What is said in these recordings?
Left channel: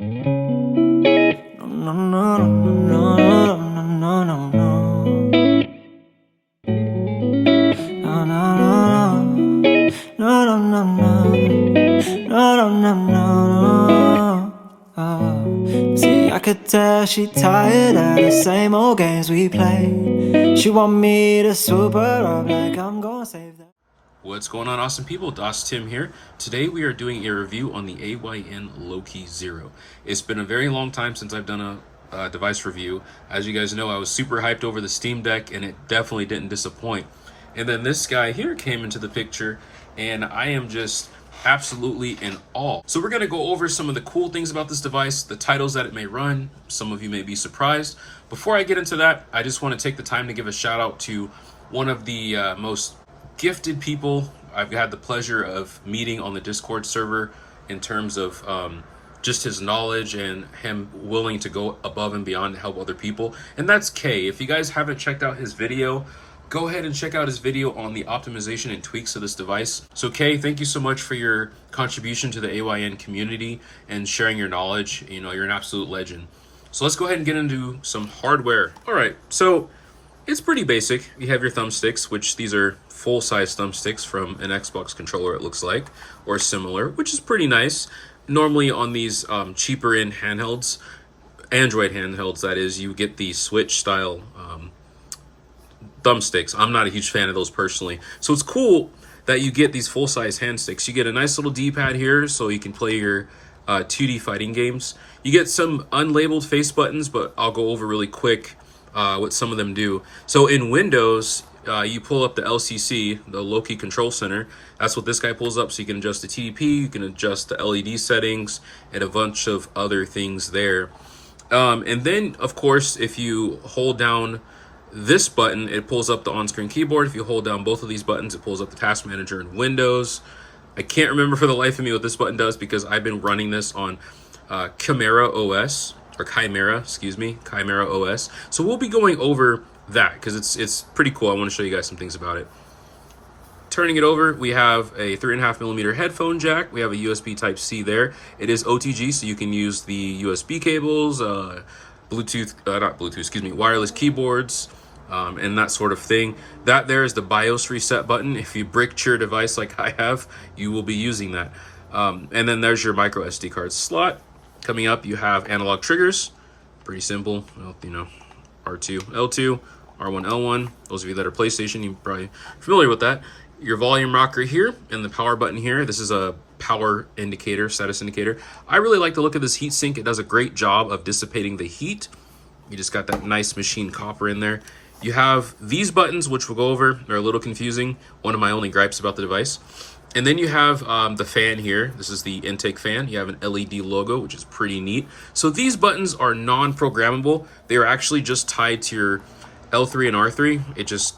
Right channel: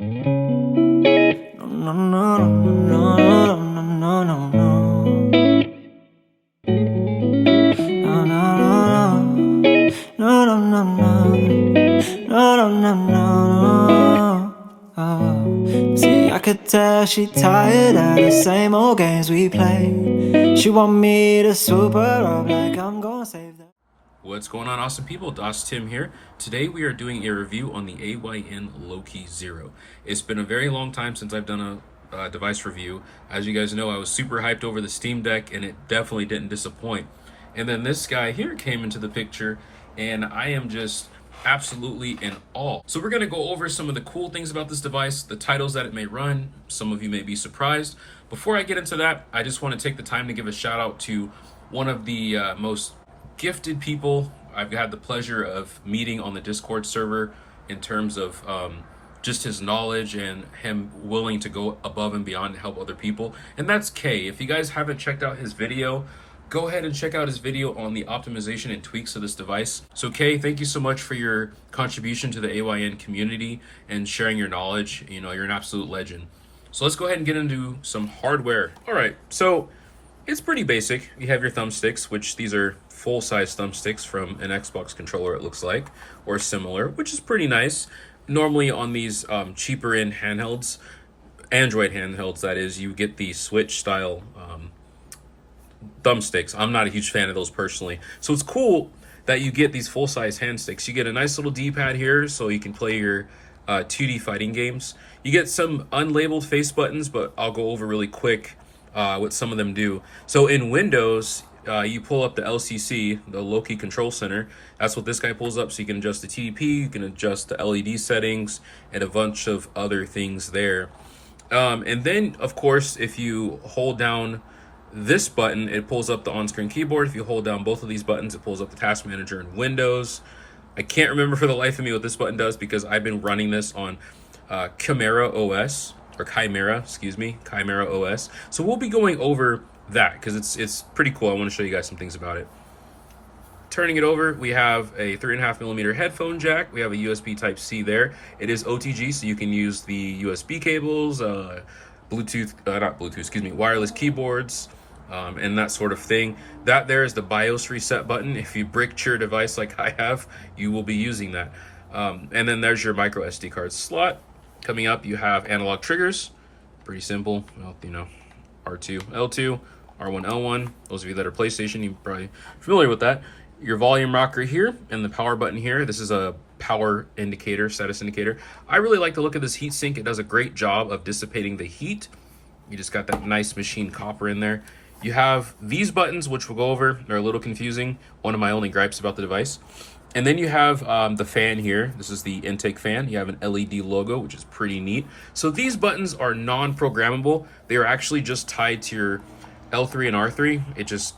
No, no, no, no, no, no, no, no. No, no, no, no, no, no, no, no, no. See, I could tell she tired of the same old games we play. She want me to swoop her up like I'm gonna save them. What's going on, awesome people? Das Tim here. Today we are doing a review on the AYN Loki Zero. It's been a very long time since I've done a device review. As you guys know, I was super hyped over the Steam Deck and it definitely didn't disappoint. And then this guy here came into the picture and I am just absolutely in awe. So we're going to go over some of the cool things about this device, the titles that it may run. Some of you may be surprised. Before I get into that, I just want to take the time to give a shout out to one of the most gifted people I've had the pleasure of meeting on the Discord server in terms of just his knowledge and him willing to go above and beyond to help other people. And that's Kay. If you guys haven't checked out his video, go ahead and check out his video on the optimization and tweaks of this device. So Kay, thank you so much for your contribution to the AYN community and sharing your knowledge. You know, you're an absolute legend. So let's go ahead and get into some hardware. All right, so it's pretty basic. You have your thumbsticks, which these are full-size thumbsticks from an Xbox controller, it looks like, or similar, which is pretty nice. Normally on these cheaper end handhelds, Android handhelds that is, you get the Switch style thumbsticks. I'm not a huge fan of those personally. So it's cool that you get these full-size hand sticks. You get a nice little D-pad here so you can play your 2D fighting games. You get some unlabeled face buttons, but I'll go over really quick what some of them do. So in Windows, you pull up the LCC, the Loki Control Center. That's what this guy pulls up, so you can adjust the TDP, you can adjust the LED settings, and a bunch of other things there. And then, of course, if you hold down this button, it pulls up the on-screen keyboard. If you hold down both of these buttons, it pulls up the task manager in Windows. I can't remember for the life of me what this button does because I've been running this on ChimeraOS, or Chimera, excuse me, ChimeraOS. So we'll be going over that because it's pretty cool. I want to show you guys some things about it. Turning it over, we have a 3.5mm headphone jack. We have a USB Type-C there. It is OTG, so you can use the USB cables, wireless keyboards, and that sort of thing. That there is the BIOS reset button. If you bricked your device like I have, you will be using that. And then there's your micro SD card slot. Coming up, you have analog triggers. Pretty simple, well, you know, R2, L2, R1, L1. Those of you that are PlayStation, you're probably familiar with that. Your volume rocker here and the power button here. This is a power indicator, status indicator. I really like the look of this heatsink. It does a great job of dissipating the heat. You just got that nice machine copper in there. You have these buttons, which we'll go over. They're a little confusing. One of my only gripes about the device. And then you have the fan here. This is the intake fan. You have an LED logo, which is pretty neat. So these buttons are non-programmable. They are actually just tied to your L3 and R3. It just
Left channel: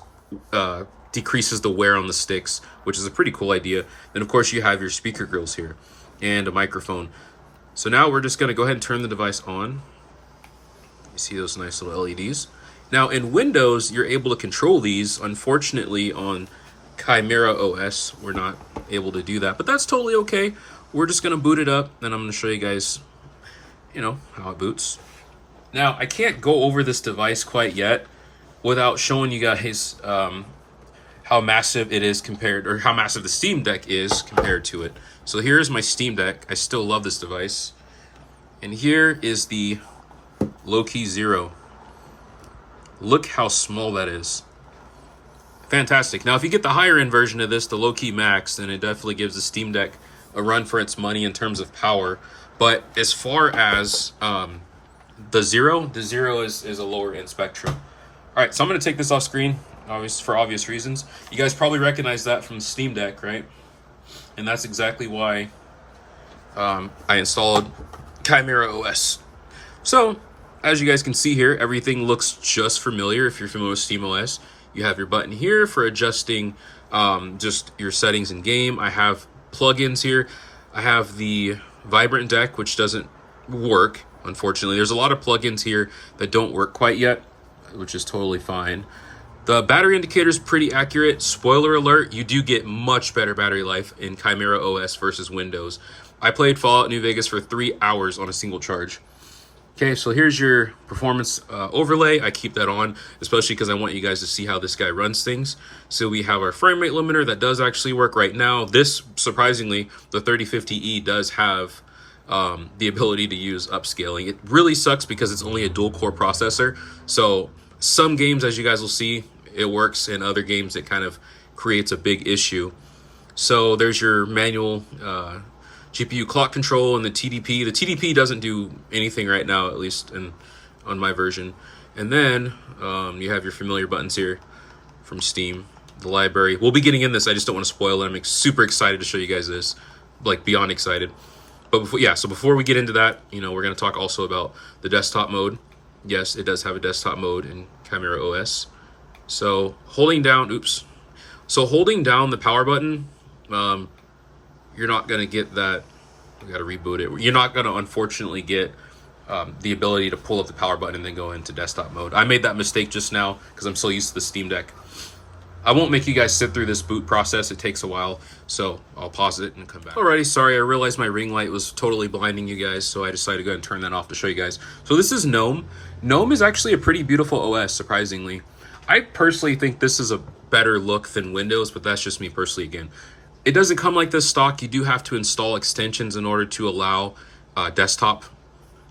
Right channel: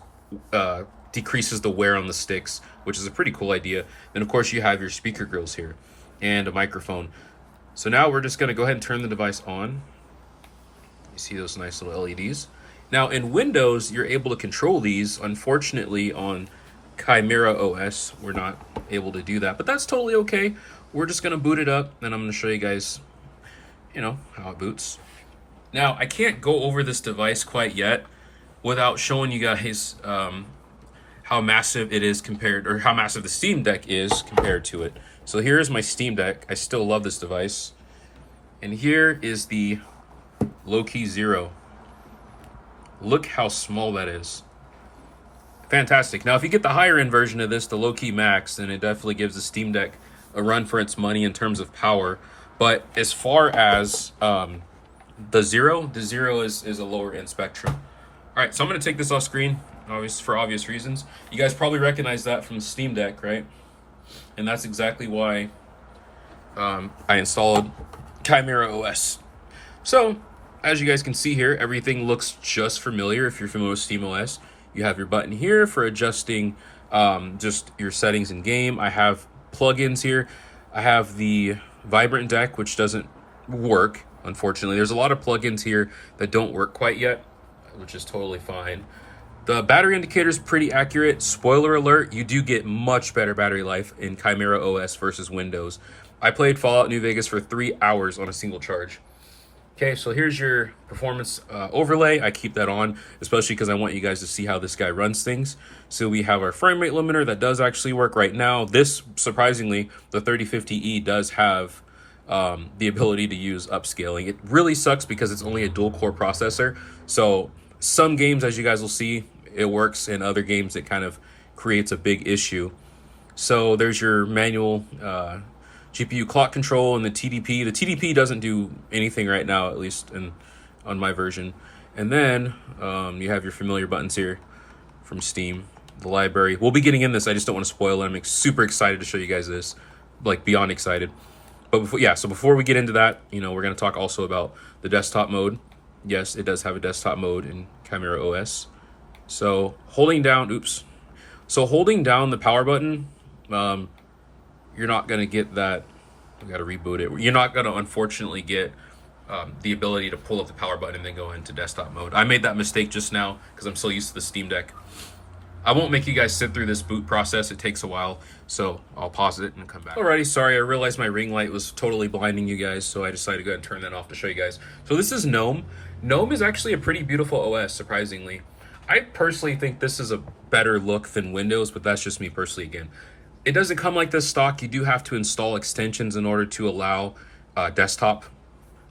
decreases the wear on the sticks, which is a pretty cool idea. Then of course you have your speaker grills here and a microphone. So now we're just gonna go ahead and turn the device on. You see those nice little LEDs. Now in Windows, you're able to control these. Unfortunately on ChimeraOS, we're not able to do that, but that's totally okay. We're just gonna boot it up and I'm gonna show you guys, you know, how it boots. Now I can't go over this device quite yet without showing you guys how massive it is compared, or how massive the Steam Deck is compared to it. So here's my Steam Deck. I still love this device. And here is the Loki Zero. Look how small that is. Fantastic. Now, if you get the higher end version of this, the Loki Max, then it definitely gives the Steam Deck a run for its money in terms of power. But as far as the Zero is a lower end spectrum. All right, so I'm going to take this off screen, for obvious reasons. You guys probably recognize that from the Steam Deck, right? And that's exactly why I installed ChimeraOS. So, as you guys can see here, everything looks just familiar if you're familiar with SteamOS. You have your button here for adjusting just your settings in game. I have plugins here. I have the Vibrant Deck, which doesn't work, unfortunately. There's a lot of plugins here that don't work quite yet, which is totally fine. The battery indicator is pretty accurate. Spoiler alert, you do get much better battery life in ChimeraOS versus Windows. I played Fallout New Vegas for 3 hours on a single charge. Okay, so here's your performance overlay. I keep that on, especially because I want you guys to see how this guy runs things. So we have our frame rate limiter that does actually work right now. This, surprisingly, the 3050E does have the ability to use upscaling. It really sucks because it's only a dual core processor. So some games, as you guys will see, it works. In other games, it kind of creates a big issue. So there's your manual GPU clock control and the TDP. The TDP doesn't do anything right now, at least on my version. And then you have your familiar buttons here from Steam, the library. We'll be getting in this. I just don't want to spoil it. I'm super excited to show you guys this, like beyond excited. But before we get into that, we're going to talk also about the desktop mode. Yes, it does have a desktop mode in ChimeraOS. So holding down the power button, you're not going to get that. We got to reboot it. You're not going to, unfortunately, get the ability to pull up the power button and then go into desktop mode. I made that mistake just now because I'm so used to the Steam Deck. I won't make you guys sit through this boot process. It takes a while, so I'll pause it and come back. Alrighty, sorry, I realized my ring light was totally blinding you guys, so I decided to go ahead and turn that off to show you guys. So this is GNOME. GNOME is actually a pretty beautiful OS, surprisingly. I personally think this is a better look than Windows, but that's just me personally again. It doesn't come like this stock. You do have to install extensions in order to allow desktop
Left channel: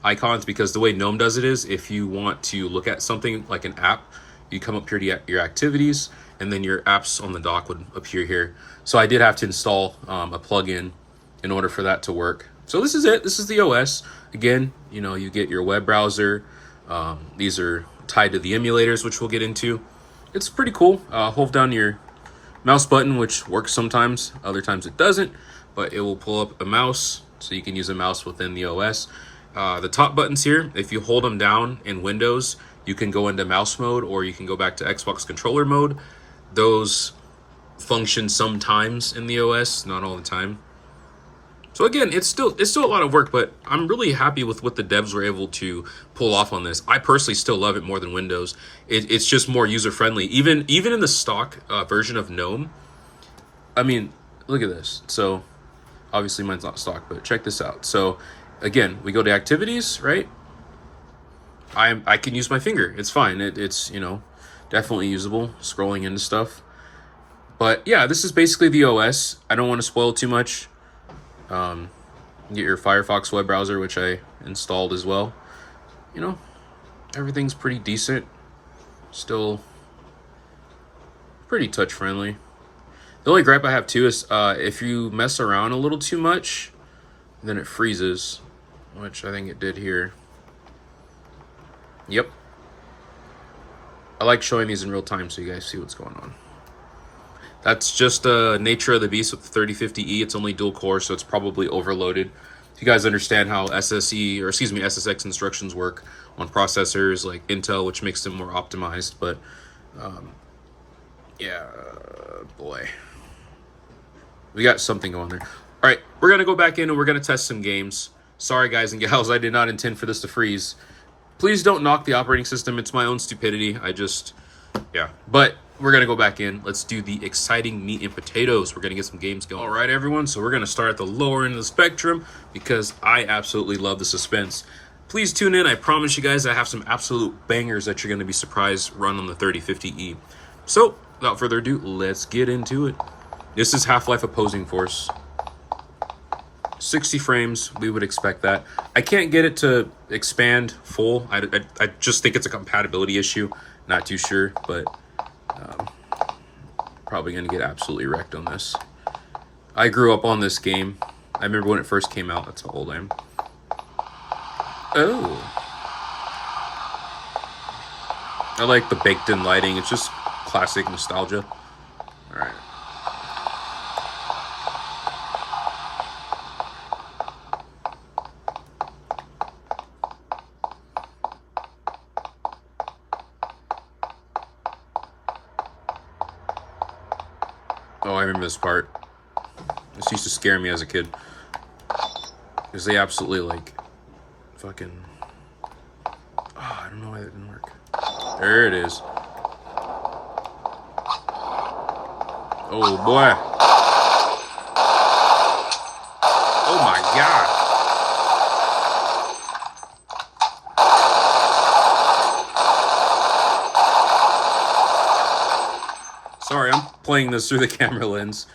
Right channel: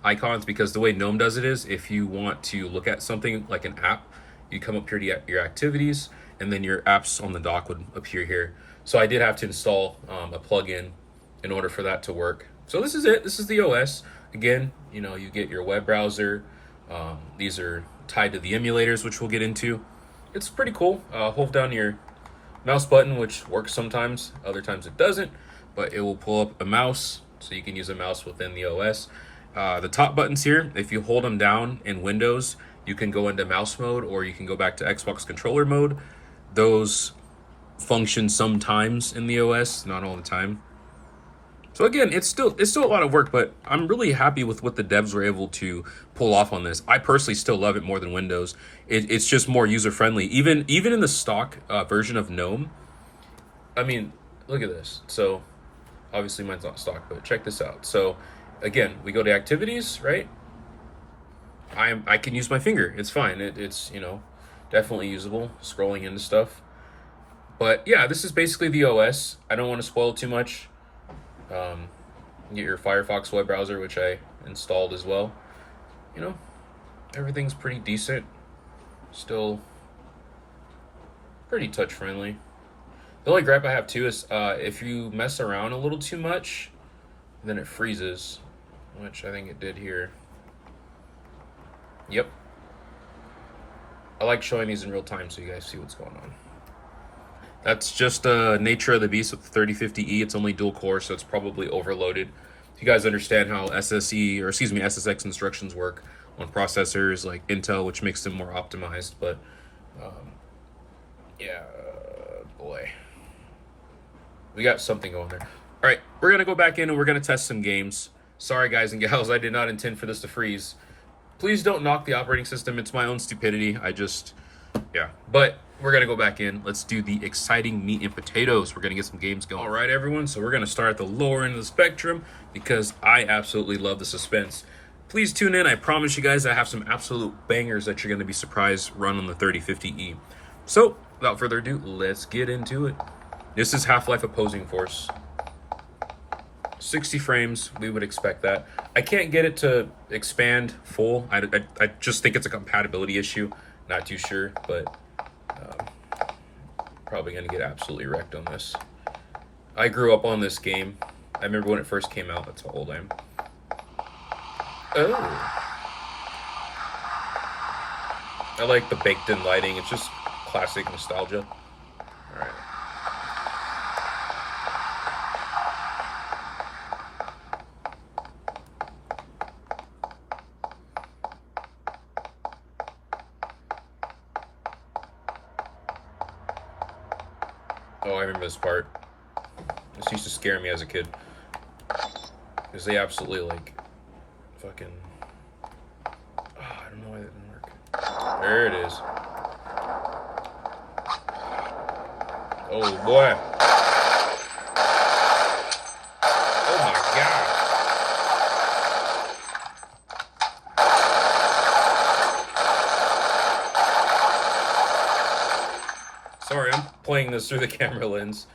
icons, because the way GNOME does it is if you want to look at something like an app, you come up here to your activities, and then your apps on the dock would appear here. So I did have to install a plugin in order for that to work. So this is it. This is the OS. Again, you get your web browser. These are tied to the emulators, which we'll get into. It's pretty cool. Hold down your mouse button, which works sometimes, other times it doesn't, but it will pull up a mouse, so you can use a mouse within the OS. The top buttons here, if you hold them down in Windows, you can go into mouse mode, or you can go back to Xbox controller mode. Those function sometimes in the OS, not all the time. So again, it's still a lot of work, but I'm really happy with what the devs were able to pull off on this. I personally still love it more than Windows. It's just more user-friendly. Even in the stock version of GNOME, I mean, look at this. So obviously mine's not stock, but check this out. So again, we go to activities, right? I can use my finger. It's fine. It's definitely usable, scrolling into stuff. But yeah, this is basically the OS. I don't want to spoil too much. Get your Firefox web browser, which I installed as well. Everything's pretty decent. Still pretty touch friendly. The only gripe I have too is if you mess around a little too much, then it freezes, which I think it did here. Yep. I like showing these in real time so you guys see what's going on. That's just the nature of the beast with the 3050E. It's only dual core, so it's probably overloaded. You guys understand how SSX instructions work on processors like Intel, which makes them more optimized. But yeah, boy, we got something going there. All right, we're gonna go back in and we're gonna test some games. Sorry, guys and gals, I did not intend for this to freeze. Please don't knock the operating system. It's my own stupidity. But we're gonna go back in. Let's do the exciting meat and potatoes. We're gonna get some games going. All right, everyone. So we're gonna start at the lower end of the spectrum because I absolutely love the suspense. Please tune in. I promise you guys I have some absolute bangers that you're gonna be surprised run on the 3050E. So without further ado, let's get into it. This is Half-Life Opposing Force. 60 frames, we would expect that. I can't get it to expand full. I just think it's a compatibility issue. Not too sure, but probably gonna get absolutely wrecked on this. I grew up on this game. I remember when it first came out. That's how old I am. Oh, I like the baked-in lighting. It's just classic nostalgia. All right. Oh, I remember this part. This used to scare me as a kid. Because they absolutely, fucking... Oh, I don't know why that didn't work. There it is. Oh, boy. Oh, my God. playing this through the camera lens.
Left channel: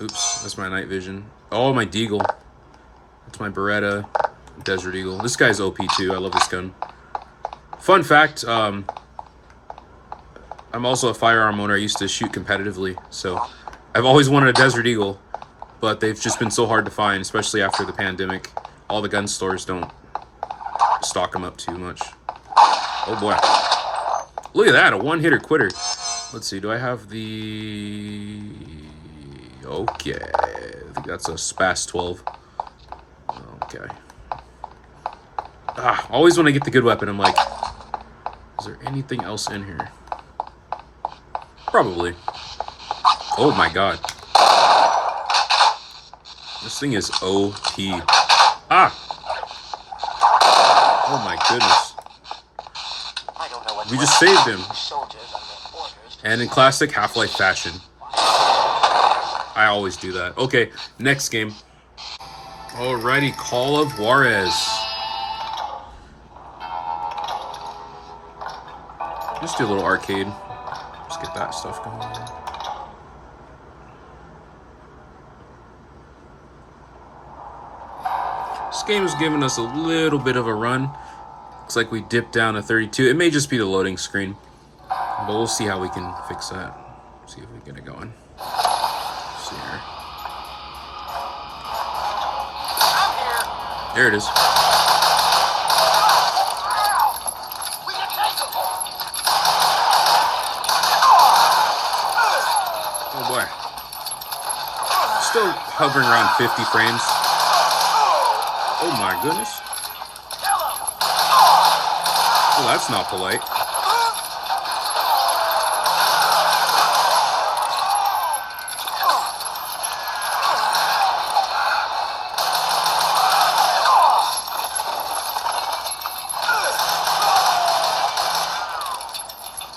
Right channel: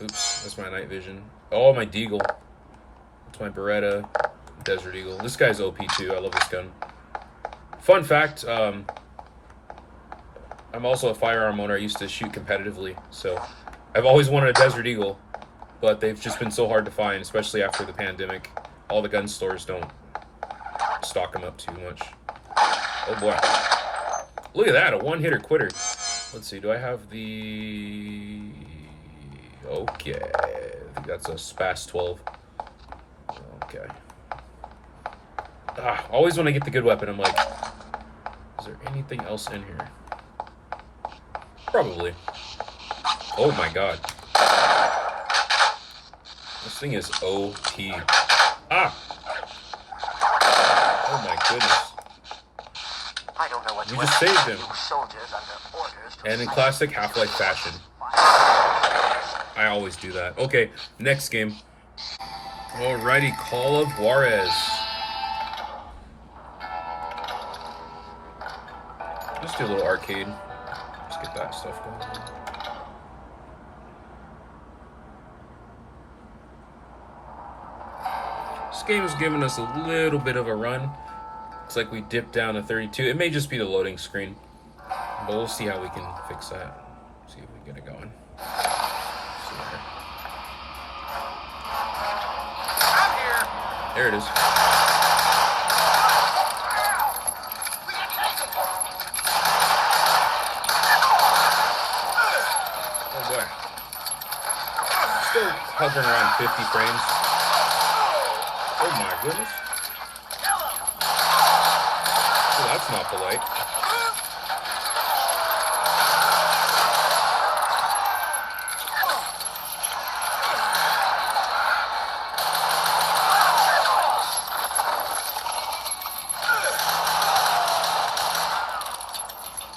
Oops, that's my night vision. Oh, my Deagle. That's my Beretta Desert Eagle. This guy's OP too. I love this gun. Fun fact, I'm also a firearm owner. I used to shoot competitively, so I've always wanted a Desert Eagle, but they've just been so hard to find, especially after the pandemic. All the gun stores don't stock them up too much. Oh boy. Look at that, a one-hitter quitter. Let's see, do I have the... Okay, I think that's a SPAS 12. Okay. Always when I get the good weapon, I'm like, is there anything else in here? Probably. Oh my god. This thing is OP. Oh my goodness. I don't know what We just saved him. soldiers under orders to And in classic Half-Life fashion. I always do that. Okay, next game. Alrighty, Call of Juarez. Just do a little arcade. Just get that stuff going on. This game is giving us a little bit of a run. Looks like we dipped down to 32. It may just be the loading screen, but we'll see how we can fix that. See if we get it going. See here. I'm here. There it is. We can take them. Oh boy. Still hovering around 50 frames. Oh my goodness. Oh, that's not polite.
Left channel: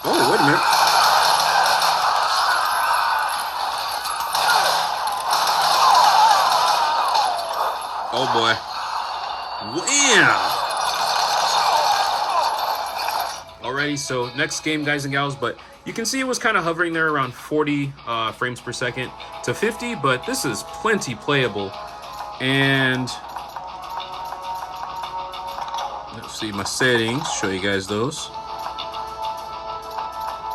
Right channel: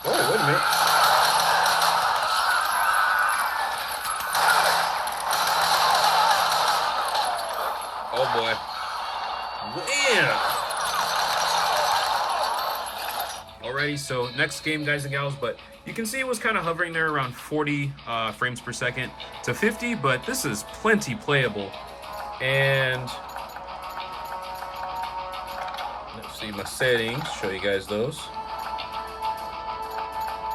Oh, wait a minute. Oh boy. Wham! Alrighty, so next game, guys and gals, but you can see it was kind of hovering there around 40 frames per second to 50, but this is plenty playable. And let's see my settings, show you guys those.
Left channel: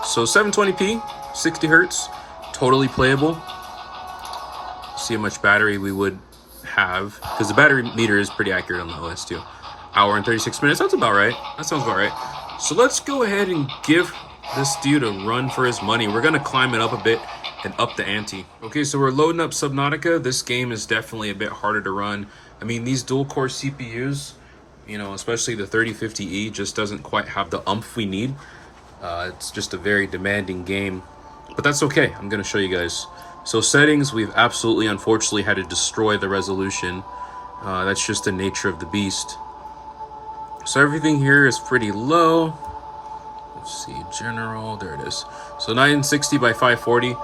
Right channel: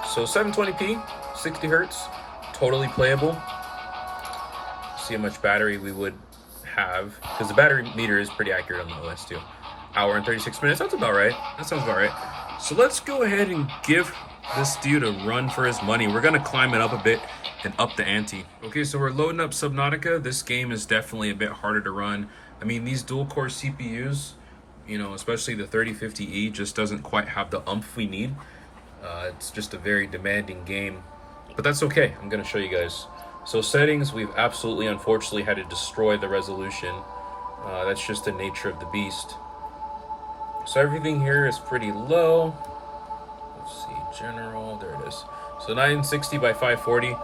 So 720p, 60 hertz, totally playable. See how much battery we would have, because the battery meter is pretty accurate on the OS too. Hour and 36 minutes, that's about right. That sounds about right. So let's go ahead and give this dude a run for his money. We're gonna climb it up a bit and up the ante. Okay, so we're loading up Subnautica. This game is definitely a bit harder to run. I mean, these dual core CPUs, you know, especially the 3050E, just doesn't quite have the oomph we need. It's just a very demanding game, but that's okay. I'm gonna show you guys. So settings, we've absolutely, unfortunately, had to destroy the resolution. That's just the nature of the beast. So everything here is pretty low. Let's see, general, there it is. So 960 by 540.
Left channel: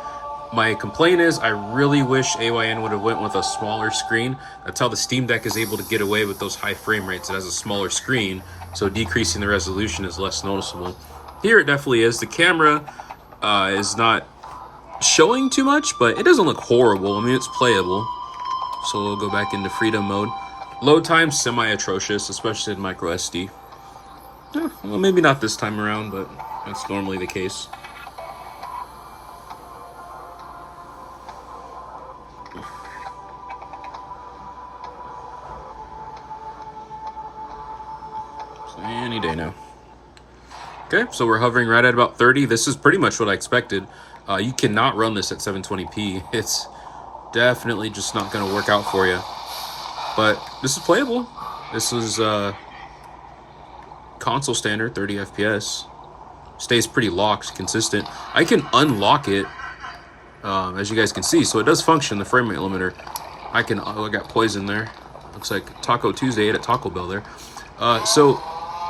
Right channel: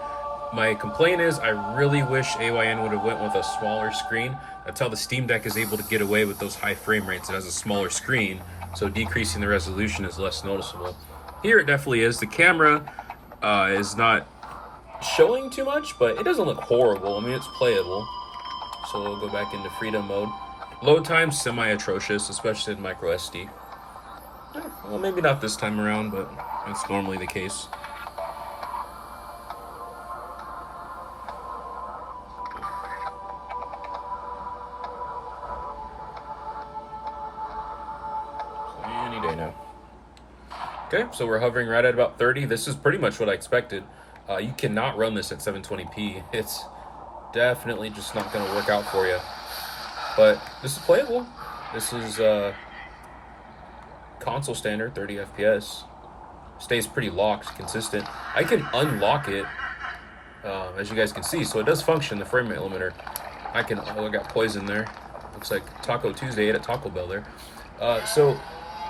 My complaint is I really wish AYN would have went with a smaller screen. That's how the Steam Deck is able to get away with those high frame rates. It has a smaller screen, so decreasing the resolution is less noticeable. Here it definitely is. The camera is not showing too much, but it doesn't look horrible. I mean, it's playable. So we'll go back into freedom mode. Load time, semi-atrocious, especially in micro SD. Well, maybe not this time around, but that's normally the case. So any day now. Okay, so we're hovering right at about 30. This is pretty much what I expected. You cannot run this at 720p. It's definitely just not going to work out for you. But this is playable. This is console standard, 30 FPS. Stays pretty locked, consistent. I can unlock it, as you guys can see. So it does function, the frame rate limiter. I got poison there. Looks like Taco Tuesday ate at Taco Bell there. So,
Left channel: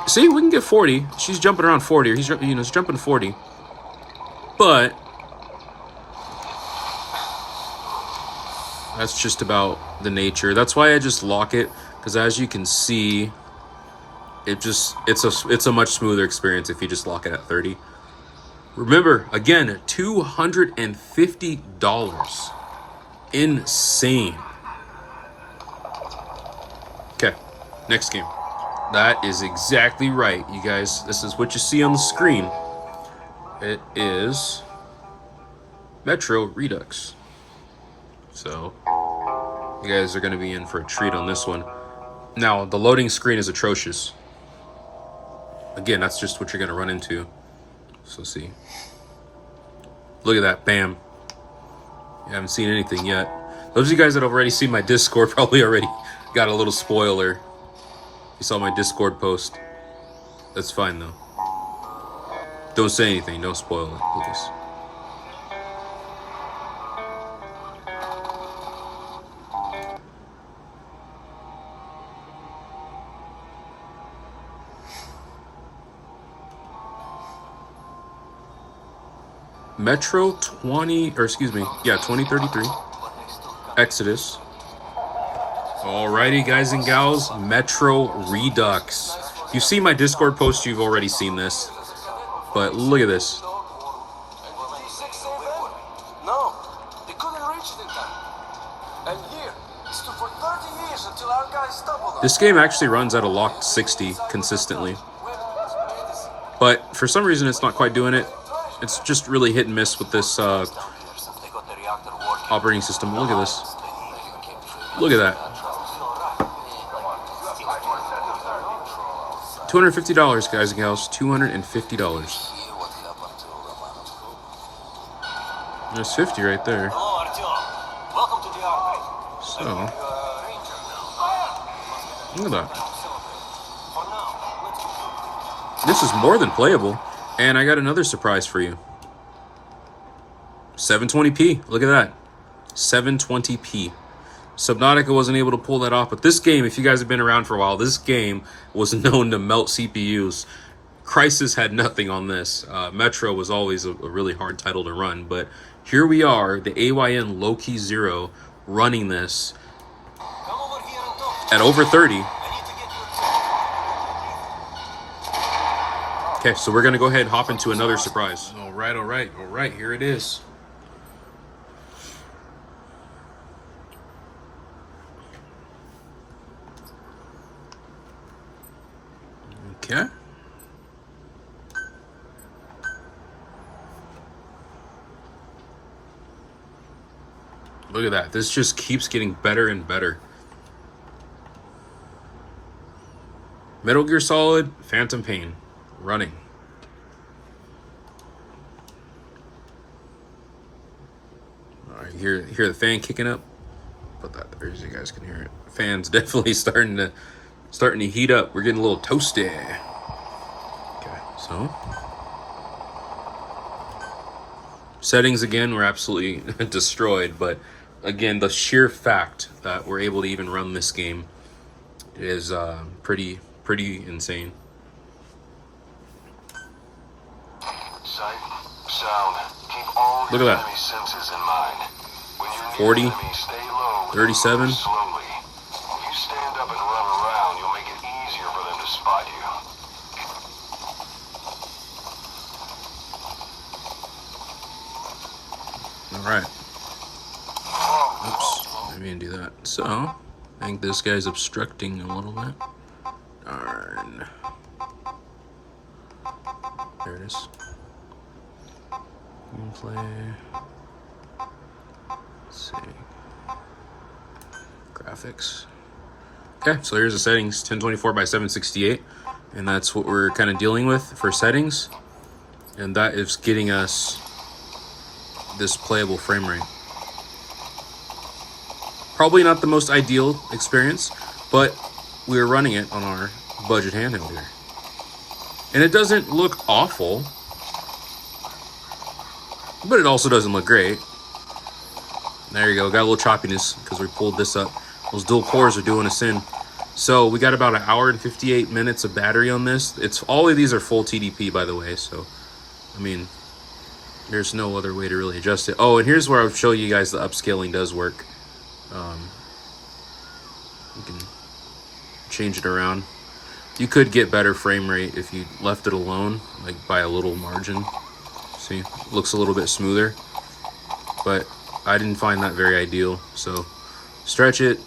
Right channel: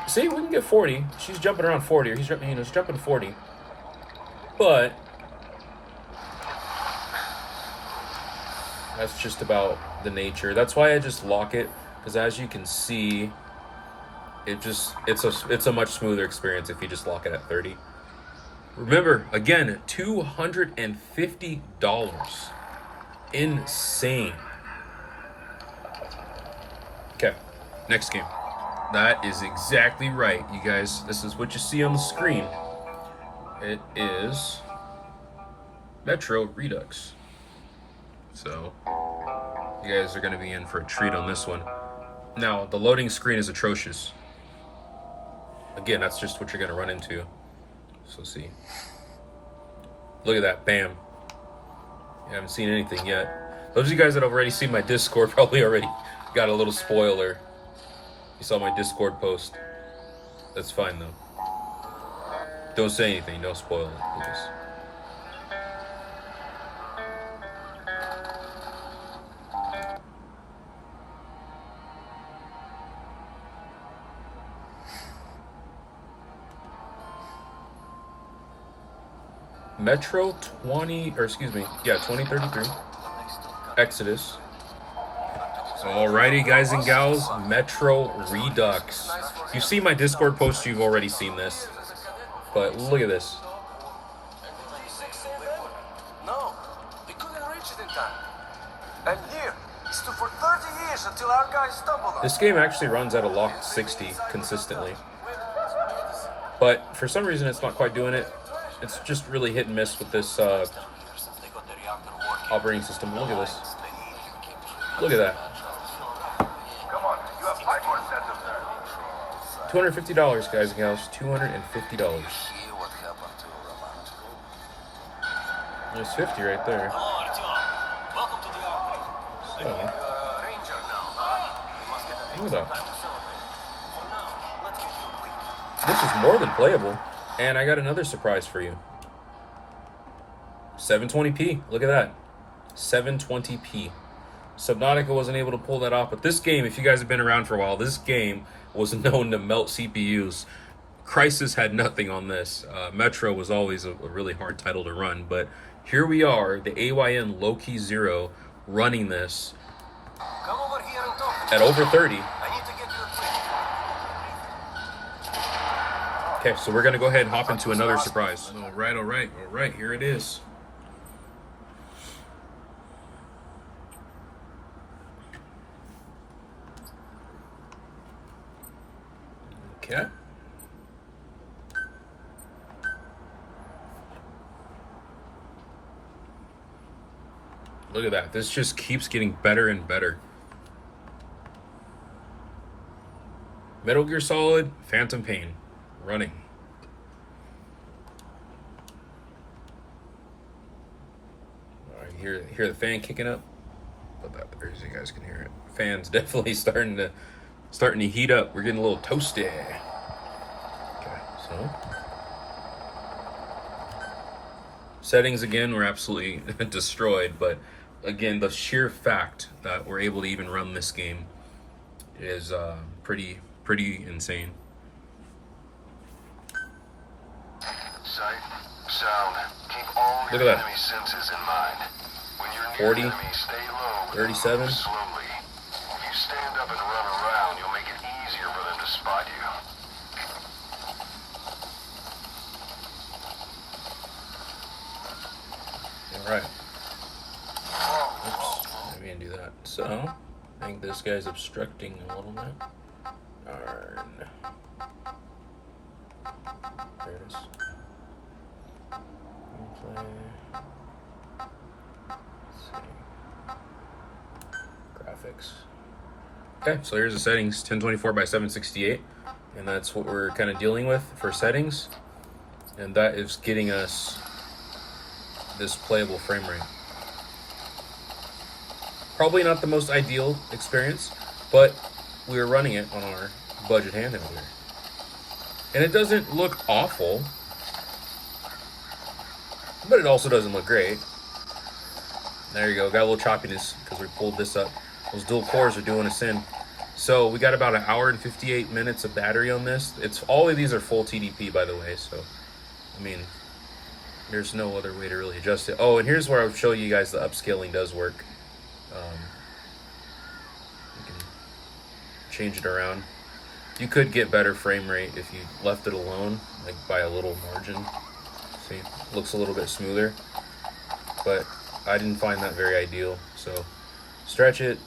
see, we can get 40. She's jumping around 40, or he's jumping 40. But that's just about the nature. That's why I just lock it, because as you can see, it's a much smoother experience if you just lock it at 30. Remember, again, $250. Insane. Okay, next game. That is exactly right, you guys. This is what you see on the screen. It is Metro Redux. So, you guys are going to be in for a treat on this one. Now, the loading screen is atrocious. Again, that's just what you're going to run into. So, see. Look at that. Bam. You haven't seen anything yet. Those of you guys that have already seen my Discord probably already got a little spoiler. You saw my Discord post. That's fine, though. Don't say anything. Don't spoil it, please. Metro 2033. Exodus. Alrighty, guys and gals, Metro Redux. You've seen my Discord post, you've already seen this. But look at this. No, they couldn't reach it in time. And here, it stood for 30 years until our guys stumbled on This game actually runs at a locked 60 consistently. But for some reason, it's not quite doing it. It's just really hit and miss with this operating system. Look at this. Look at that. $250, guys and gals. $250. There's 50 right there. So, look at that. This is more than playable. And I got another surprise for you. 720p. Look at that. 720p. Subnautica wasn't able to pull that off, but this game, if you guys have been around for a while, this game was known to melt CPUs. Crysis had nothing on this. Metro was always a really hard title to run, but here we are, the AYN Loki 0, running this at over 30. Okay, so we're going to go ahead and hop into another surprise. All right, here it is. Okay. Look at that. This just keeps getting better and better. Metal Gear Solid, Phantom Pain. Running. All right, hear the fan kicking up. Put that there so you guys can hear it. Fan's definitely starting to heat up. We're getting a little toasty. Okay, so settings again were absolutely destroyed, but again, the sheer fact that we're able to even run this game is pretty insane. Sight, sound, keep all Look your at that. enemy senses in mind. When you're near 40, the enemy, stay low, 37. move slowly. If you stand up and run around, you'll make it easier for them to spot you. All right. Oops, I didn't do that. So, I think this guy's obstructing a little bit. Darn. There it is. Play. Let's see. Graphics. Okay, so here's the settings. 1024 by 768, and that's what we're kind of dealing with for settings, and that is getting us this playable frame rate. Probably not the most ideal experience, but we're running it on our budget handheld here. And it doesn't look awful, but it also doesn't look great. There you go, got a little choppiness because we pulled this up. Those dual cores are doing us in. So we got about 1 hour and 58 minutes of battery on this. It's all of these are full TDP, by the way, so I mean, there's no other way to really adjust it. Oh, and here's where I'll show you guys the upscaling does work. You can change it around. You could get better frame rate if you left it alone, like by a little margin. So See, looks a little bit smoother, but I didn't find that very ideal. So stretch it,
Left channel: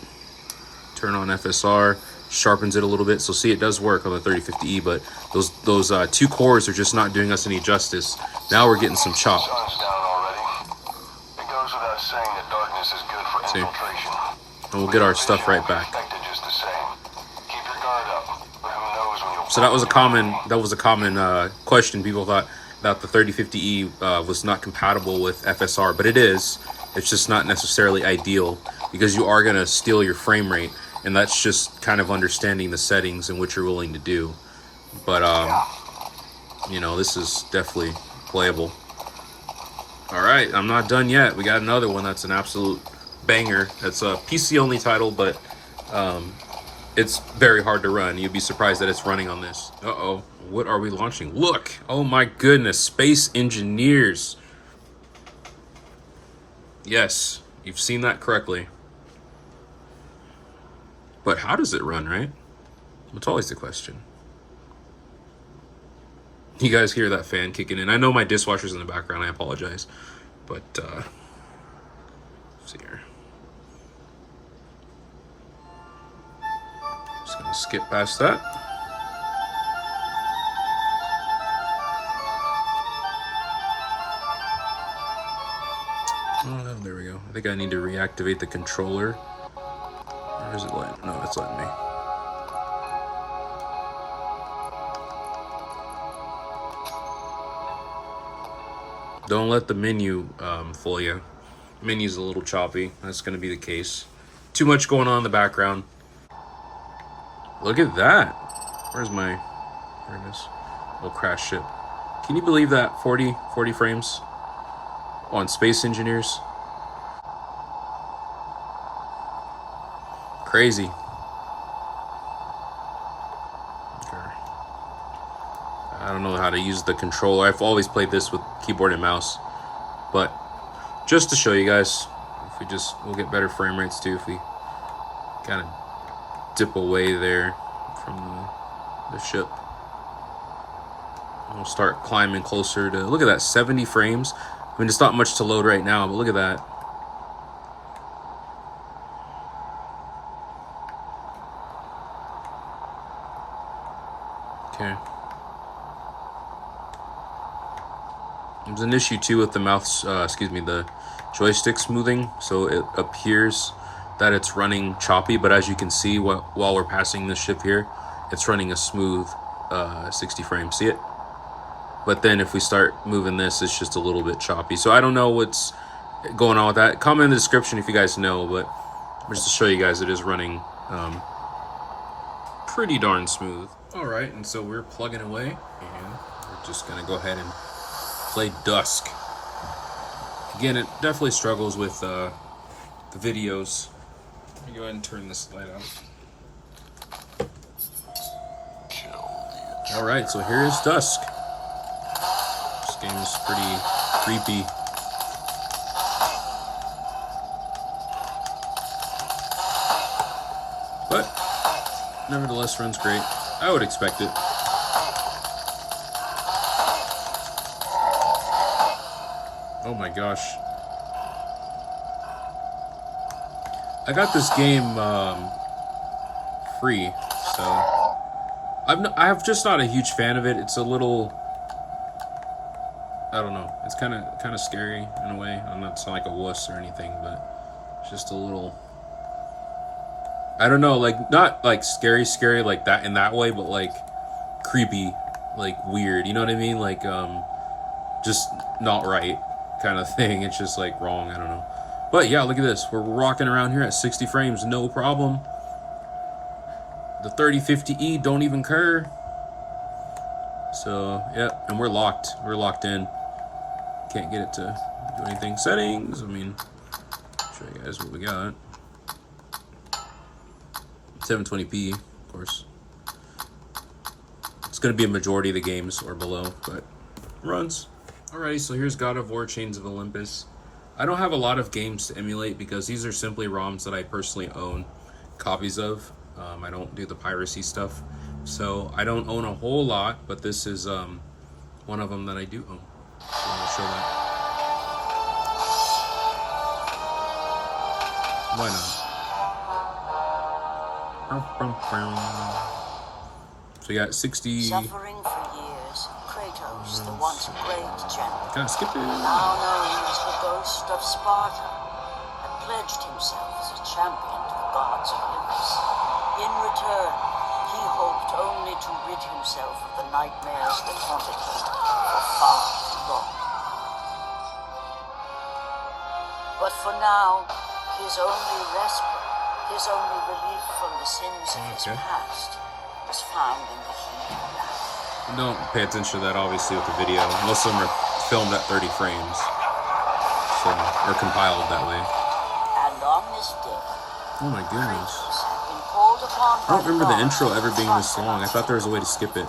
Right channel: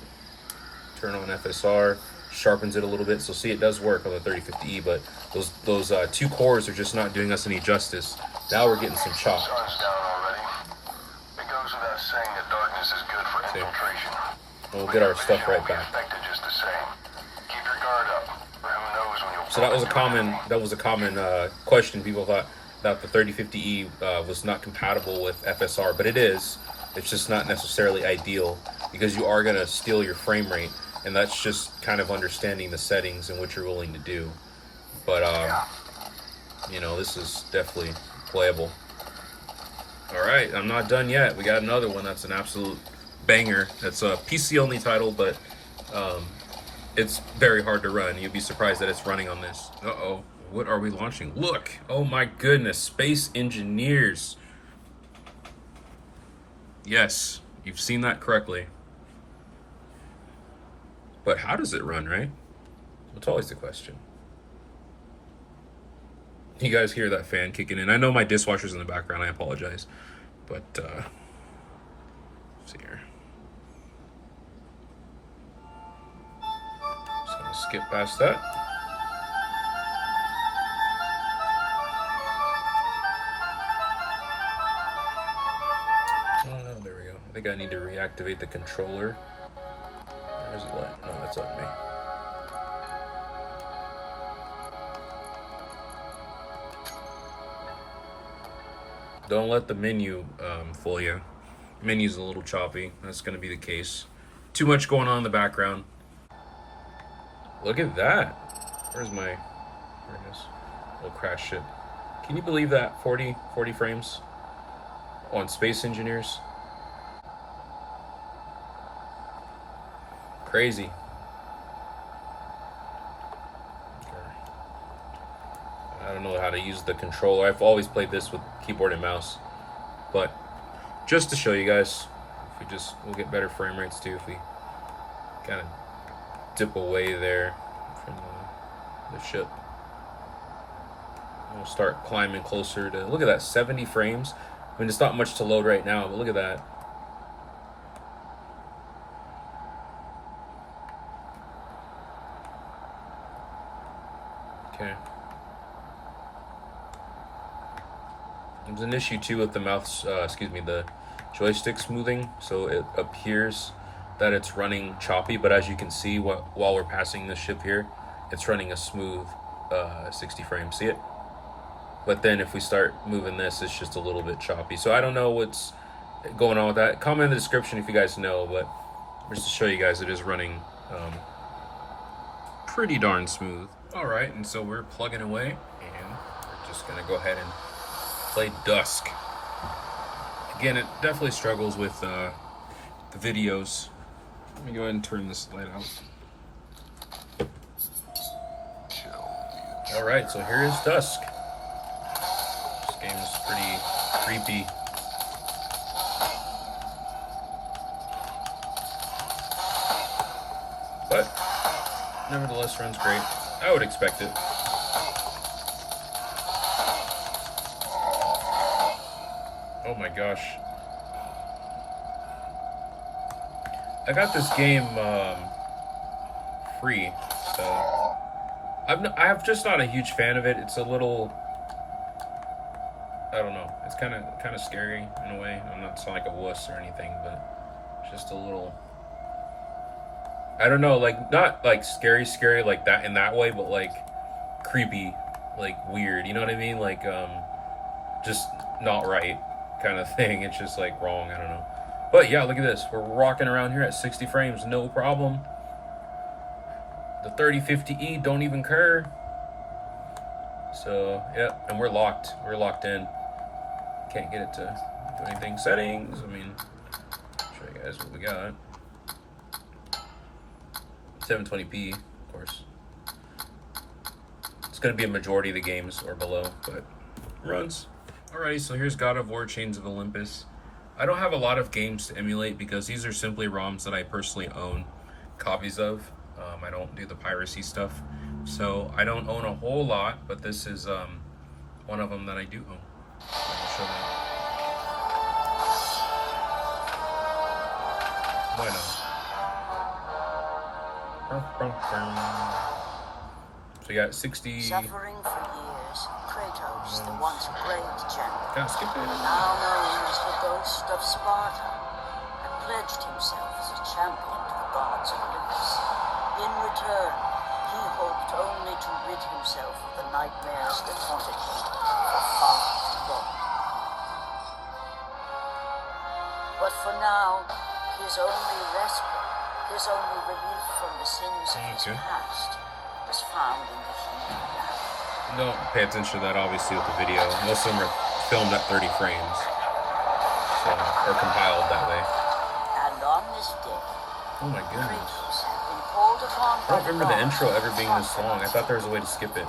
turn on FSR, sharpens it a little bit. So see, it does work on the 3050E, but those 2 cores are just not doing us any justice. Now we're getting some chop. Sun's down already. It goes without saying that darkness is good for infiltration. And we'll get our stuff right back. Just the same. Keep your guard up. Who knows when you'll So that was a common question. People thought that the 3050E was not compatible with FSR, but it is. It's just not necessarily ideal because you are gonna steal your frame rate, and that's just kind of understanding the settings and what you're willing to do. But you know, this is definitely playable. All right, I'm not done yet. We got another one that's an absolute banger. It's a PC only title, but it's very hard to run. You'd be surprised that it's running on this. Uh-oh, what are we launching? Look, oh my goodness, Space Engineers. Yes, you've seen that correctly. But how does it run, right? That's always the question. You guys hear that fan kicking in. I know my dishwasher's in the background, I apologize. But, let's see here. Just gonna skip past that. Oh, there we go. I think I need to reactivate the controller. Or is it letting? No, it's letting me. Don't let the menu fool you. The menu's a little choppy. That's going to be the case. Too much going on in the background. Look at that. Where's my... There it is. Oh, crash ship. Can you believe that? 40 frames on Space Engineers. Crazy. I don't know how to use the controller. I've always played this with keyboard and mouse, but just to show you guys, if we we'll get better frame rates too if we kind of dip away there from the ship. We'll start climbing closer to, look at that, 70 frames. I mean, it's not much to load right now, but look at that. Okay. There's an issue too with the the joystick smoothing, so it appears that it's running choppy, but as you can see while we're passing this ship here, it's running a smooth 60 frames. See it? But then if we start moving this, it's just a little bit choppy. So I don't know what's going on with that. Comment in the description if you guys know, but just to show you guys, it is running pretty darn smooth. All right, and so we're plugging away, and we're just gonna go ahead and play Dusk. Again, it definitely struggles with the videos. Let me go ahead and turn this light out. All right, so here is Dusk. This game is pretty creepy. But nevertheless, runs great. I would expect it. Oh my gosh. I got this game free, so I'm just not a huge fan of it. It's a little, I don't know. It's kind of scary in a way. I'm not sound like a wuss or anything, but just a little, I don't know, like not like scary like that in that way, but like creepy, like weird. You know what I mean? Like just not right kind of thing. It's just like wrong. I don't know. But yeah, look at this. We're rocking around here at 60 frames, no problem. The 3050E don't even care. So yeah, and we're locked. We're locked in. Can't get it to do anything. Settings. I mean, show you guys what we got. 720p, of course. It's gonna be a majority of the games or below, but runs. Alrighty, so here's God of War Chains of Olympus. I don't have a lot of games to emulate because these are simply ROMs that I personally own copies of. I don't do the piracy stuff, so I don't own a whole lot, but this is one of them that I do own. So I'll show that. Why not? So you got 60. Suffering for years, Kratos, the once great champion, Kind of skip it. now known as the ghost of Sparta, had pledged himself as a champion to the gods of Olympus. In return, he hoped only to rid himself of the nightmares that haunted him for far too long. But for now, his only respite, his only relief from the sins of his Okay. past, was found in the heat of battle. Don't pay attention to that, obviously, with the video. Most of them are filmed at 30 frames. So, or compiled that way. And on this day, Oh my goodness. Kratos had been called upon I by don't remember the gods intro to ever being this long. I thought there was a way to skip it.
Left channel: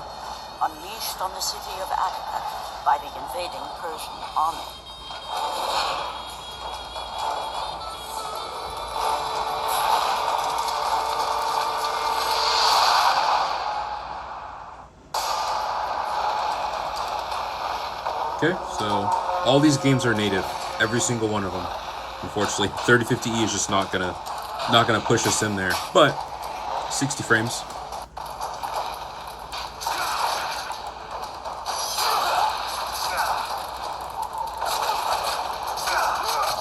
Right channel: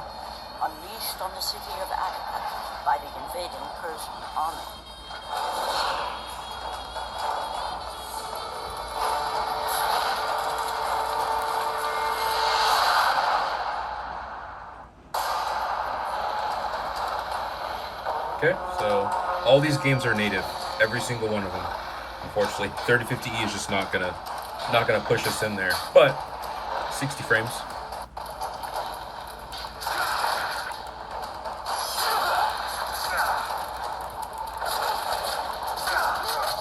unleashed on the city of Attica by the invading Persian army. Okay, so all these games are native. Every single one of them. Unfortunately, 3050E is just not gonna push us in there. But 60 frames.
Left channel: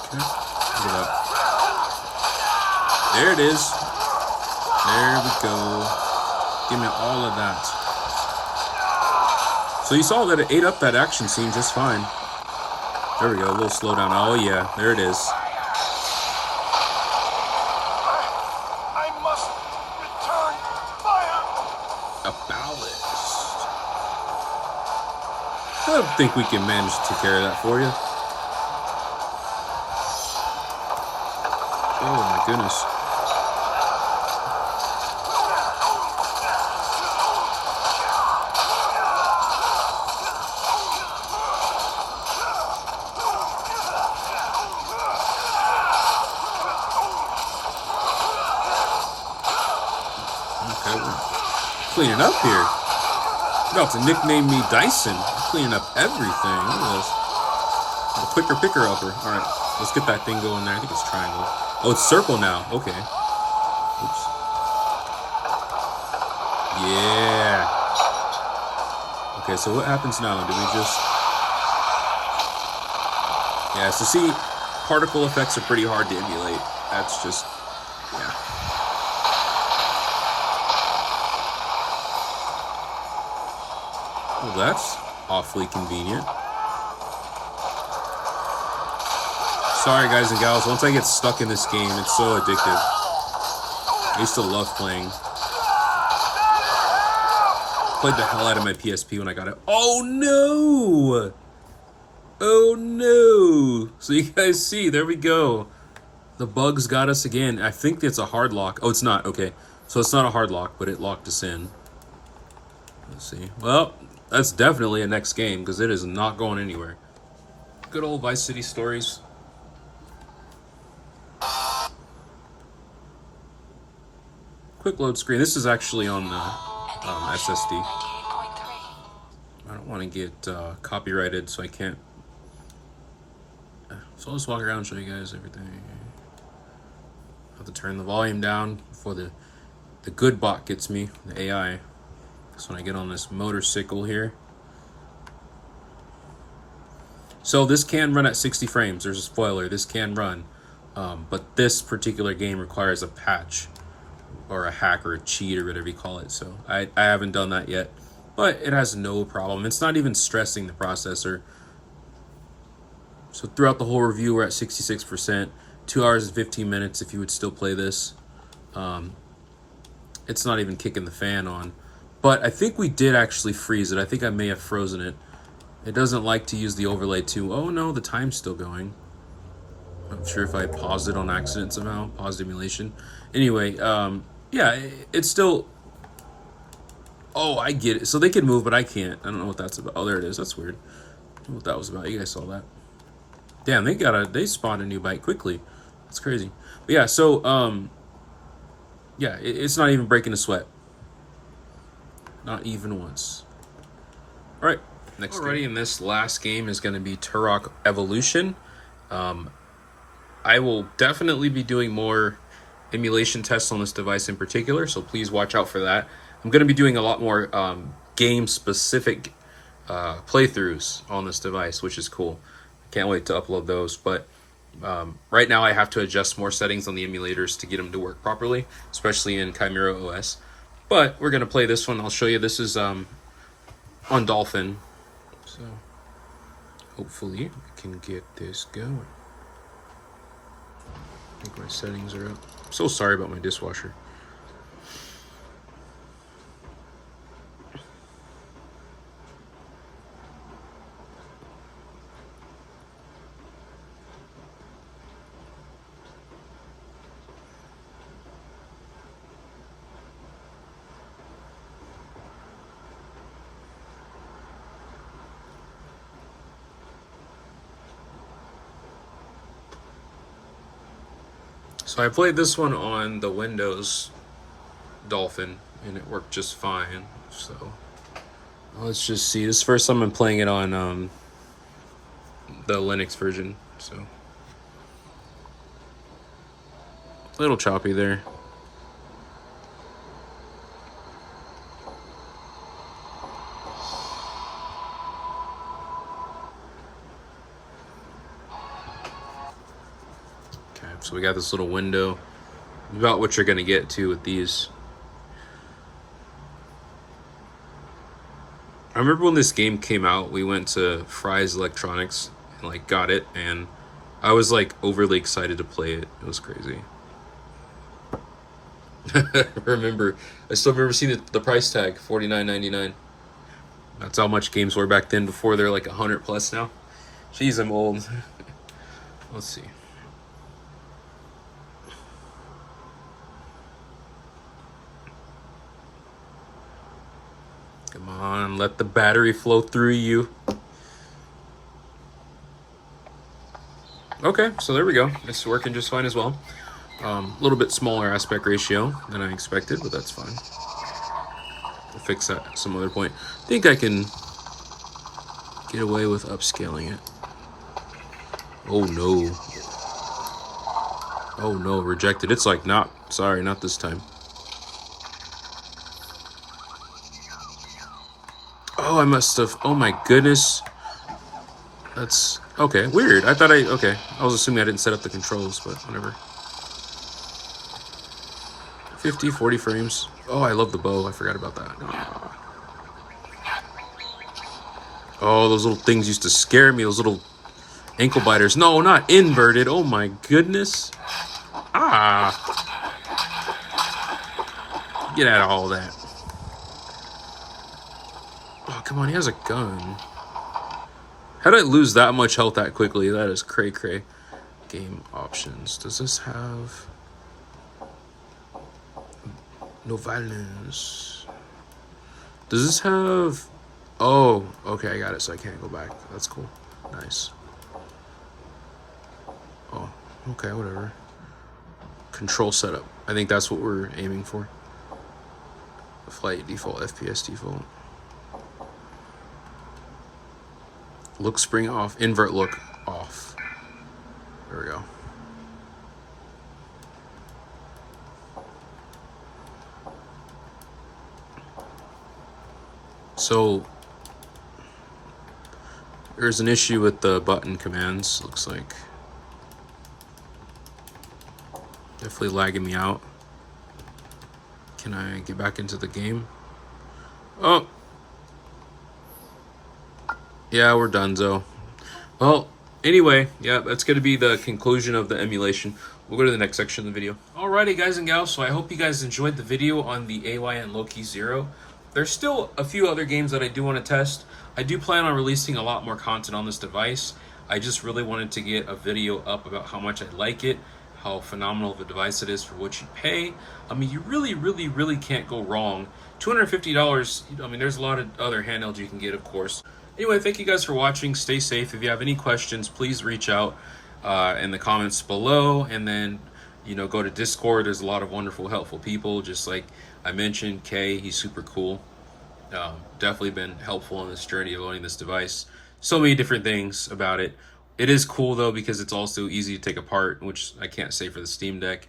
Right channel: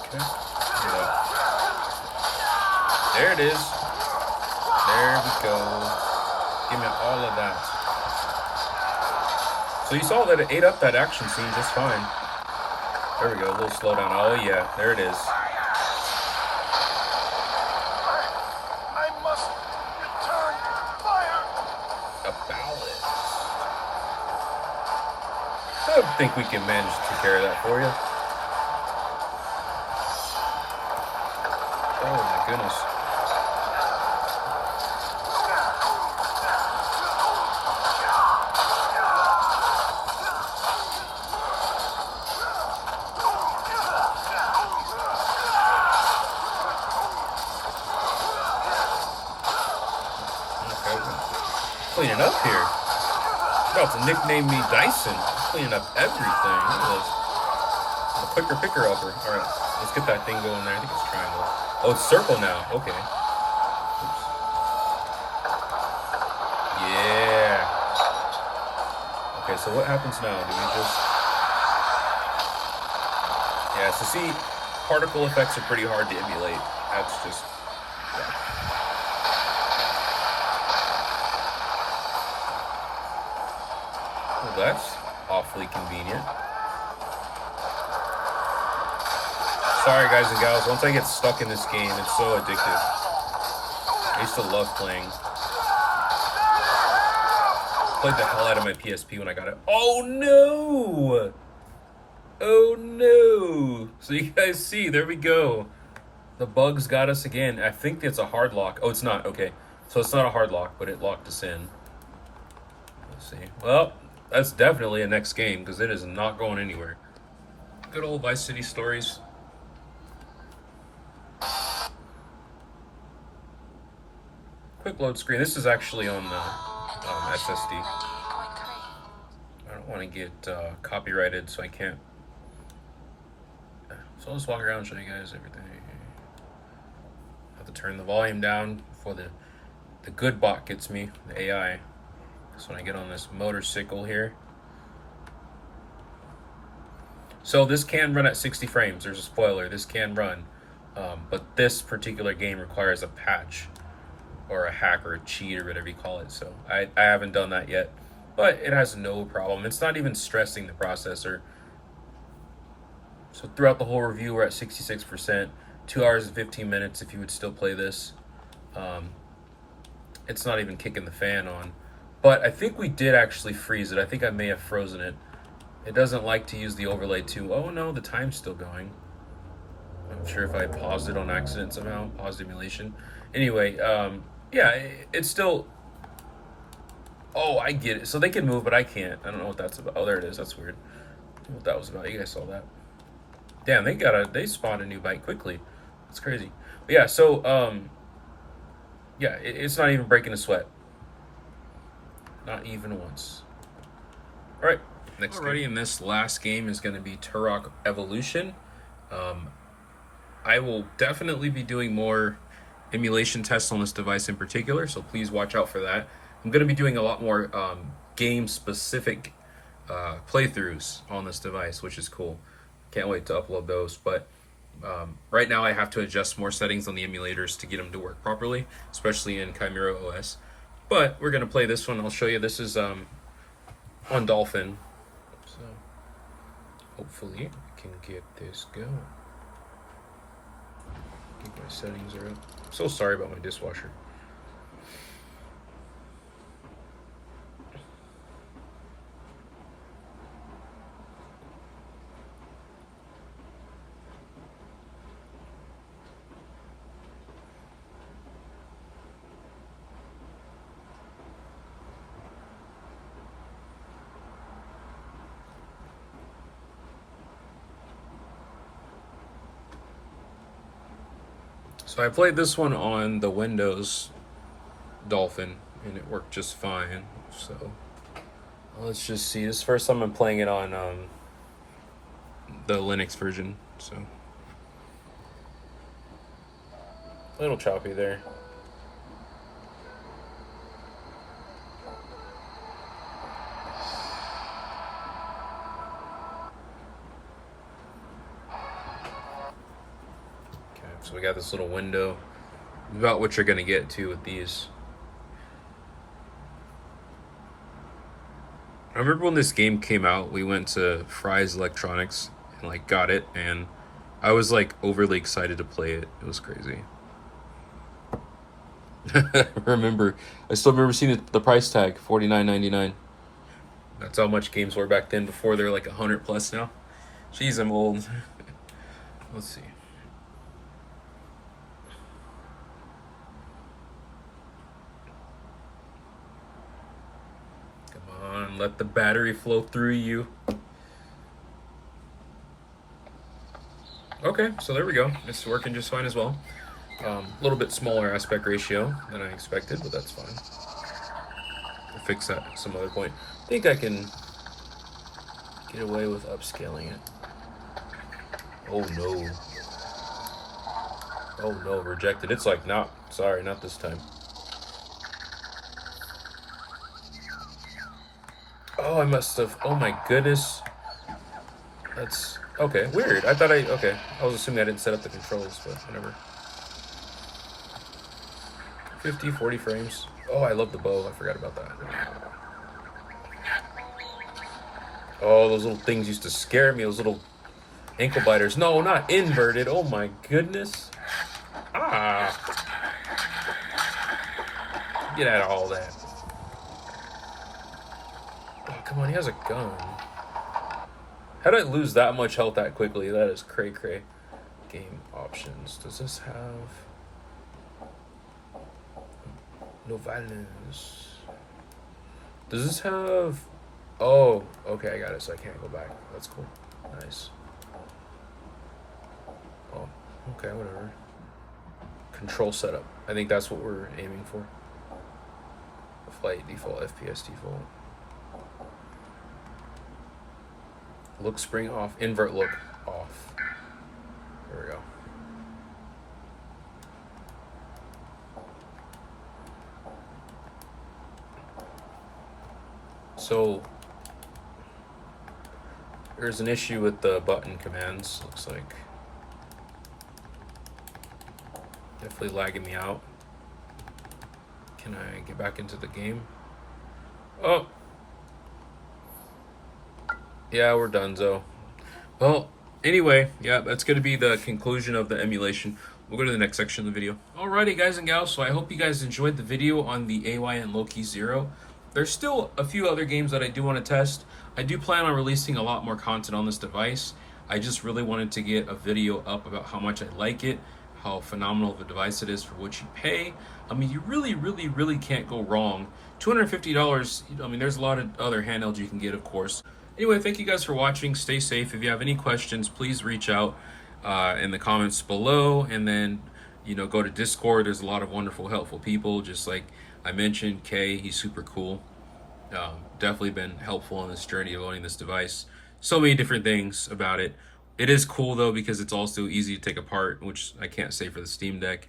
Okay, get it up. There it is. There we go. Give me all of that. So you saw that it ate up that action scene just fine. There we go, a little slowdown. Oh yeah, there it is. I must return fire. A ballast. I think we can manage to take care of that for you. Oh my goodness. Cleaning up here. No, to nickname me Dyson. Cleaning up everything. Look at this. A quicker picker upper. Alright, let's get that thing going there. I think it's triangle. Oh, it's circle now. Okay. Oops. Yeah. Okay, so what happens now? Do we just... Yeah, so see, particle effects are pretty hard to emulate. That's just... Well, that's awfully convenient. Sorry, guys and gals. Once I get stuck in this game, it's so addictive. I used to love playing. Played the hell out of my PSP when I got it. Oh no! Oh no! So you guys see, there we go. The bugs got us again. I think it's a hard lock. Oh, it's not. Okay. So it's not a hard lock, but it locked us in. Let's see. Well, that's definitely a next game because it is not going anywhere. Good old Vice City stories. Quick load screen. This is actually on the SSD. I don't want to get copyrighted, so I can't. So I'll just walk around and show you guys everything. I have to turn the volume down before the good bot gets me, the AI. So when I get on this motorcycle here. So this can run at 60 frames. There's a spoiler. This can run. But this particular game requires a patch or a hack or a cheat or whatever you call it. So I haven't done that yet. But it has no problem. It's not even stressing the processor. So throughout the whole review, we're at 66%. 2 hours and 15 minutes if you would still play this. It's not even kicking the fan on. But I think we did actually freeze it. I think I may have frozen it. It doesn't like to use the overlay too. Oh no, the time's still going. I'm sure if I paused it on accident somehow. Paused emulation. Anyway, yeah, it's still... Oh, I get it. So they can move, but I can't. I don't know what that's about. Oh, there it is. That's weird. I don't know what that was about. You guys saw that. Damn, they spawned a new bike quickly. That's crazy. But yeah, so, yeah, it's not even breaking a sweat. Not even once. All right. next Alrighty, and this last game is going to be Turok Evolution. I will definitely be doing more emulation tests on this device in particular, so please watch out for that. I'm going to be doing a lot more game-specific playthroughs on this device, which is cool. Can't wait to upload those, but right now I have to adjust more settings on the emulators to get them to work properly, especially in ChimeraOS. But we're going to play this one. I'll show you. This is on Dolphin, so hopefully I can get this going. I think my settings are up. I'm so sorry about my dishwasher. So I played this one on the Windows Dolphin, and it worked just fine. So let's just see. This is the first time I'm playing it on the Linux version. So a little choppy there. So we got this little window about what you're going to get to with these. I remember when this game came out, we went to Fry's Electronics and like got it, and I was like overly excited to play it. It was crazy. I still remember seeing the price tag, $49.99. That's how much games were back then before they're like 100 plus now. Jeez, I'm old. Let's see. Come on, let the battery flow through you. Okay, so there we go. It's working just fine as well. A little bit smaller aspect ratio than I expected, but that's fine. I'll fix that at some other point. I think I can get away with upscaling it. Oh no. Oh no, rejected. It's like, sorry, not this time. Oh, I must have, oh my goodness. That's, okay, weird. Okay. I was assuming I didn't set up the controls, but whatever. 50, 40 frames. Oh, I love the bow. I forgot about that. Oh, those little things used to scare me. Those little ankle biters. No, not inverted. Oh my goodness. Ah. Get out of all that. Oh, come on. He has a gun. How did I lose that much health that quickly? That is cray-cray. Game options. Does this have... No violence. Does this have... Oh, okay, I got it, so I can't go back. That's cool. Nice. Oh, okay, whatever. Control setup. I think that's what we're aiming for. Flight default, FPS default. Look spring off. Invert look off. There we go. So there's an issue with the button commands, looks like. Definitely lagging me out. Can I get back into the game? Oh. Yeah, we're donezo. Well, anyway, yeah, that's going to be the conclusion of the emulation. We'll go to the next section of the video. Alrighty, guys and gals, so I hope you guys enjoyed the video on the AYN Loki 0. There's still a few other games that I do want to test. I do plan on releasing a lot more content on this device. I just really wanted to get a video up about how much I like it, how phenomenal of a device it is for what you pay. I mean, you really can't go wrong. $250, I mean, there's a lot of other handhelds you can get, of course. Anyway, thank you guys for watching. Stay safe. If you have any questions, please reach out in the comments below. And then, you know, go to Discord. There's a lot of wonderful, helpful people. Just like I mentioned, Kay, he's super cool. Definitely been helpful on this journey of owning this device. So many different things about it. It is cool though because it's also easy to take apart, which I can't say for the Steam Deck.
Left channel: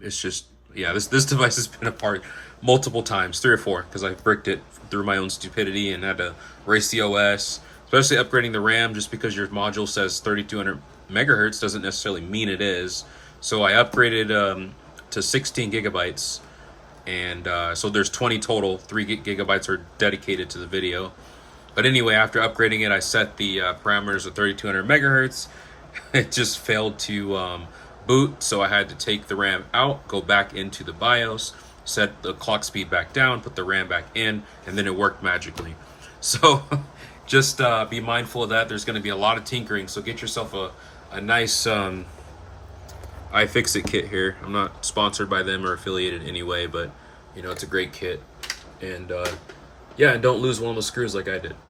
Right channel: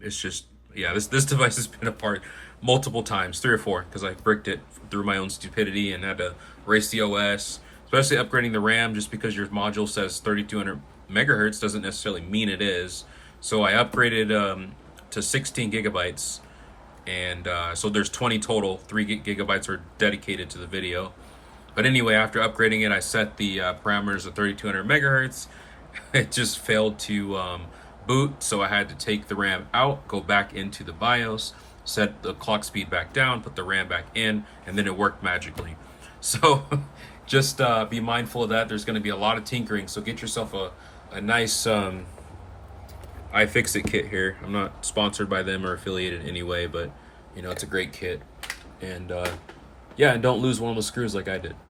It's just, yeah, this device has been apart multiple times, 3 or 4, because I bricked it through my own stupidity and had to race the OS. Especially upgrading the RAM, just because your module says 3200 megahertz doesn't necessarily mean it is. So I upgraded to 16 gigabytes, and so there's 20 total. 3 gigabytes are dedicated to the video. But anyway, after upgrading it, I set the parameters of 3200 megahertz. It just failed to boot, so I had to take the RAM out, go back into the BIOS, set the clock speed back down, put the RAM back in, and then it worked magically. So just be mindful of that. There's going to be a lot of tinkering, so get yourself a nice iFixit kit here. I'm not sponsored by them or affiliated anyway, but you know, it's a great kit. And yeah, and don't lose one of those screws like I did.